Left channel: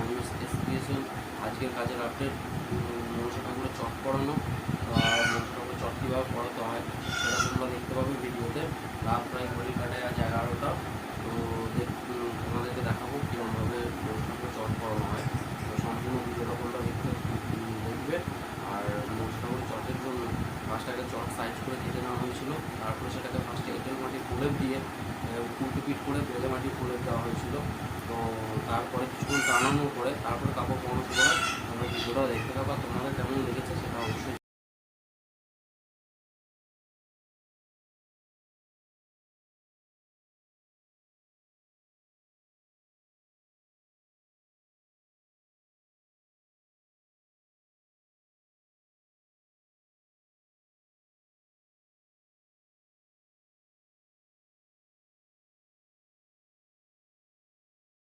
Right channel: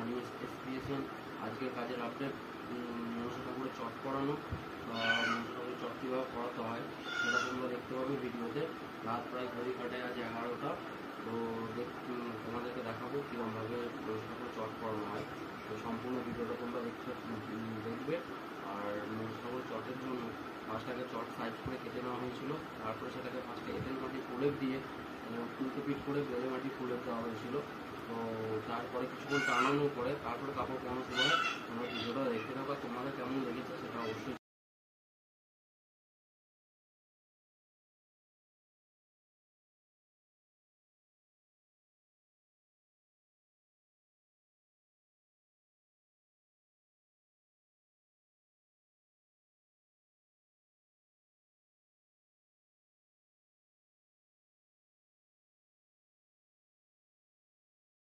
আমি এসপিএসএল আজকের কাজের আপডেট। মনসা ঠাকুরের চট পড়ানো, মনসা ঠাকুরের চট কীভাবে পড়াতে হয় সেটা তোমরা দেখতে পাবে ভিডিওতে। রাত প্রায় ঘড়ির কাটায় আজ 11টা। তো তোমাদেরকে দেখাবো কীরকমভাবে মনসা ঠাকুরের চট পড়ানো হয়। তো সম্পূর্ণ ভিডিওটা তোমরা দেখবে। আর মনসা ঠাকুরের চটের জন্য ফার্স্ট আগে চট সাইজ করে কেটে নেওয়া হয়েছিল, তারপরে সেটাকে ফার্স্টে এঁটেল মাটি প্রলেপ দিয়ে উল্টো পিট করে বেলে মাটি প্রলেপ দেওয়া হয়েছিল। তো তারপরে কিছুক্ষণ টানানোর পরে তারপরে কাপড় পরানোর পরে তোমরা ভিডিওটা দেখতে থাকো। তোমাদের কেমন লেগেছে সেটা অবশ্যই